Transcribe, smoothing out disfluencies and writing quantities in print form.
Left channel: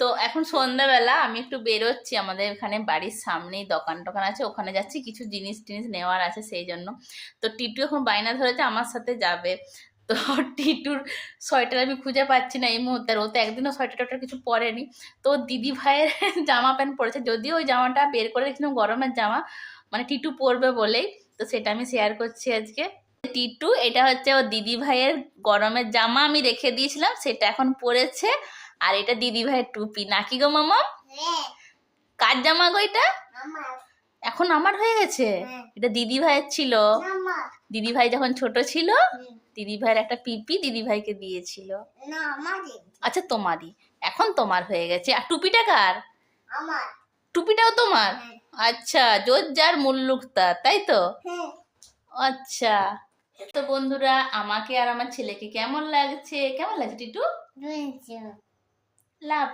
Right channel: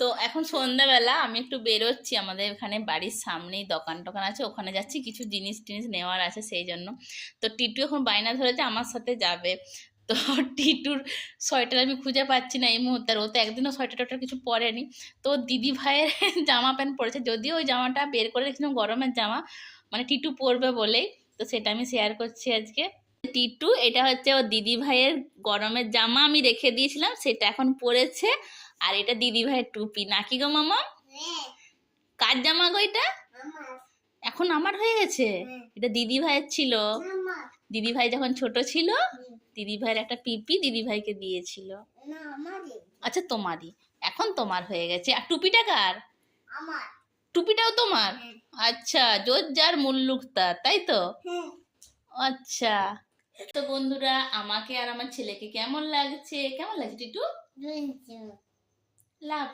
তো এখন সন্ধ্যাবেলা আমি একটু বেরোচ্ছি, আমাদের এখানে বাড়ির সামনেই দোকান টোকান আছে, ওখানে যাচ্ছি, কিছু জিনিস টিনিস নেওয়ার আছে সেই জন্য। তো টিটু এখন বায়না ধরেছে আমার সাথে যাবে। তো টিটুর সোয়েটার আমি খুঁজে পাচ্ছি না এই মুহূর্তে, আর ও তো একদিনও সোয়েটার টোয়েটার কিছু পরেনি। তো ওর দিদি ভাইয়ের জামা প্যান্ট পরেছে, যদিও ওই জামাটা বের করে রেখেছিলাম গরমের জামা, মানে টিটু পরবে বলেই। তো সেটা আমি শেয়ার করছি আজকে। টিটু, এটা হচ্ছে ওর দিদি ভাইয়ের গরমের জামা, আমি রেখে দিয়েছিলাম, সেটা এখন পরেছে। আর এটা দিদি ভাইয়ের টুপি, নাকি গো মামা? কার জামা গো এটা? এখন আমার হয়ে গেছে? এটা দিদি ভাইয়ের ছিল, দিদি ভাই যখন ছোট ছিল দিদি ভাইয়ের একটা পিপি দিদি ভাইকে দিয়েছিল। আচ্ছা তোমারই, এখন তোমার হয়ে গেছে। আর টুপিটা কার? টুপিটাও তোমার? আচ্ছা, জোর যার মুল্লুক তার, তাই তো? আচ্ছা। তো বন্ধুরা, আমাকে আর আমার ছেলেকে কেমন লাগছে, কেমন লাগছে টিটু? লাভ।